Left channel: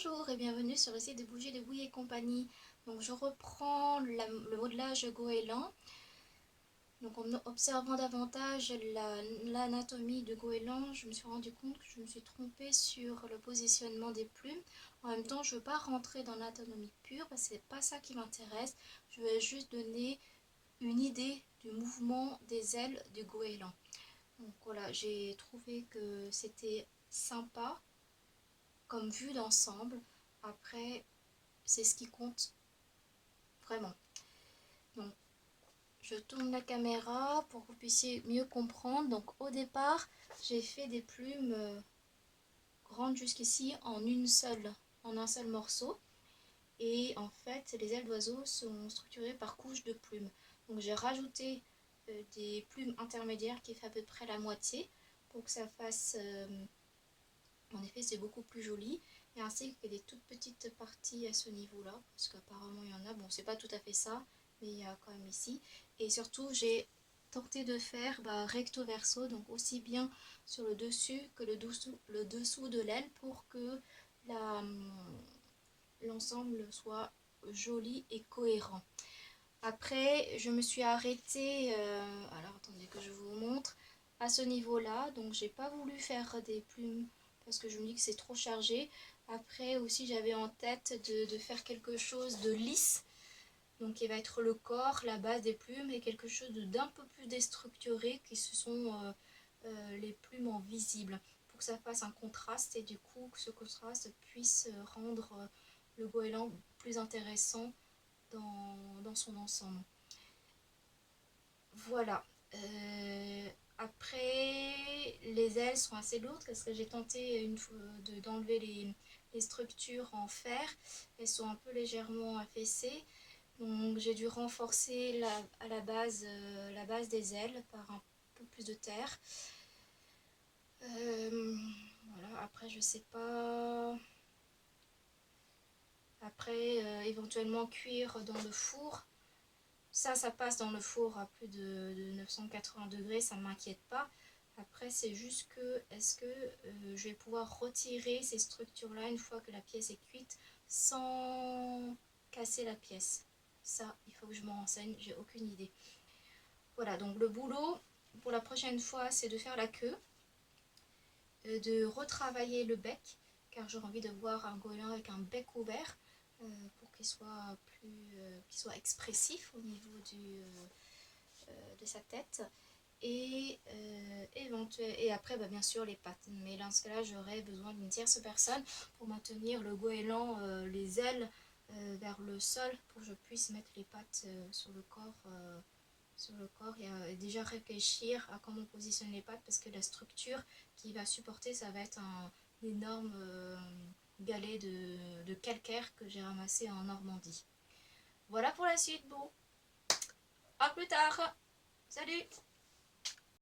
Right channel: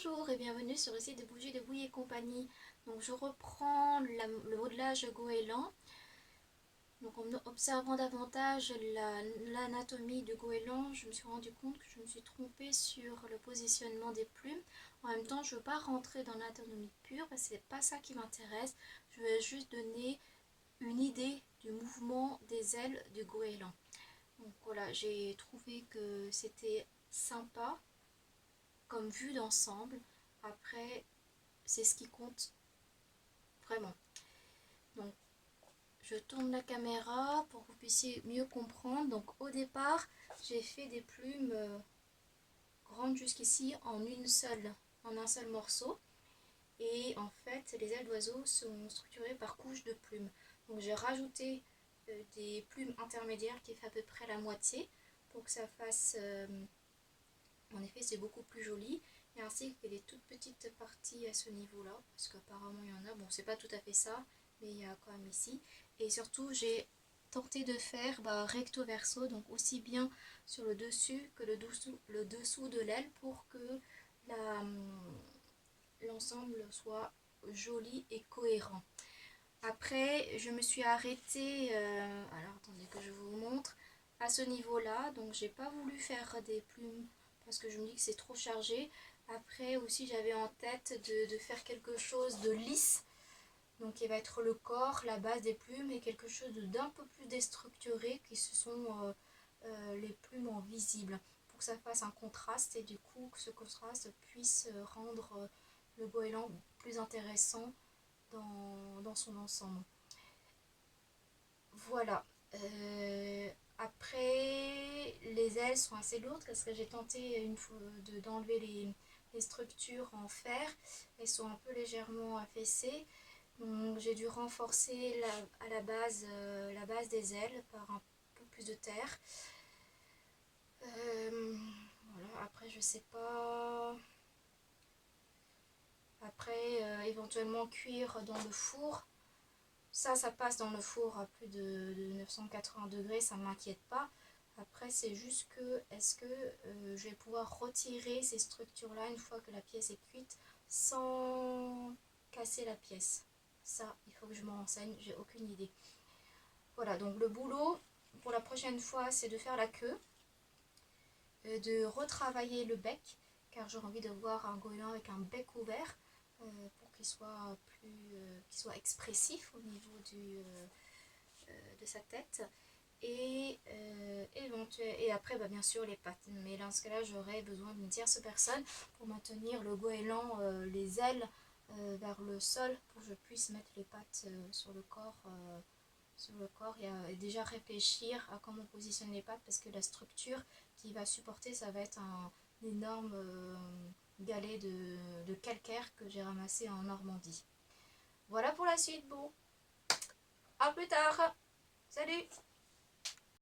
Bonjour et bienvenue sur le site de Bougies de Bouille et compagnie. Donc je reprends le modelage goéland. Donc en observant davantage l'anatomie du goéland, je me suis rendu compte que je me suis trompée sur le positionnement des plumes. En même temps, je ne veux pas rentrer dans l'anatomie pure parce que c'est pas ça qui m'intéresse. Je vais juste donner une idée du mouvement des ailes du goéland. Donc voilà, j'ai trouvé que c'était sympa comme vue d'ensemble. Après, c'est ce qui compte vraiment. Donc, je tourne la caméra pour que vous puissiez mieux comprendre. Donc, au départ, j'ai fait des plumes grandes jusqu'ici en un seul morceau. Et en fait, les ailes d'oiseau sont structurées par couches de plumes. Donc, j'ai rajouté des plumes intermédiaires qui fait à peu près la moitié pour que ça fasse en effet, c'est beaucoup plus joli. Et ainsi que des toutes petites parties à ce niveau-là, parce qu'apparemment il y en a. Bon, c'est pas tout à fait ça, mais il y a quand même ici. Et surtout, j'ai tenté de faire recto verso, donc aussi bien sur le dessus que le dessous de l'aile pour que l'ensemble soit joli et cohérent. Après, je me suis arrêtée, alors attendez que je vous montre, à ce niveau-là. Donc, j'ai pas voulu faire des plumes parce que je me dis que c'est trop chargé. Après aussi, j'avais en tête de faire quelque chose de lisse. Donc, il va être le corps, la base des plumes et quelque chose d'un peu plus déstructuré qui ce sont les plumes en visible pour que ça fasse un contraste et du coup que ce contraste puisse rendre le goéland plus intéressant dans son ensemble. Voilà. Après, les ailes sont assez lourdes parce que j'ai tenté d'enlever les structures en fer. Elles sont un peu légèrement affaissées. Donc j'ai dû renforcer à la base des ailes par un peu plus de terre. Voilà. Après, je sais pas. Après, éventuellement cuire dans le four. Ça passe dans le four à plus de 980 degrés, ça ne m'inquiète pas. Après, c'est juste que, est-ce que je vais pouvoir retirer ces structures-là une fois que la pièce est cuite sans casser la pièce? Ça, il faut que je m'en renseigne, j'ai aucune idée. Voilà, donc le boulot pour la prochaine fois, c'est de faire la queue, de retravailler le bec, car j'ai envie de voir un goéland avec un bec ouvert pour qu'il soit qu'il soit expressif au niveau de sa tête. Et après bien sûr les pattes, mais dans ce cas là j'aurais besoin d'une tierce personne pour maintenir le goéland, les ailes vers le sol pour que je puisse mettre les pattes sur le corps et déjà réfléchir à comment positionner les pattes parce que la structure qui va supporter ça va être un énorme galet de calcaire que j'ai ramassé en Normandie. Voilà pour la suite. Bon, à plus tard. Salut!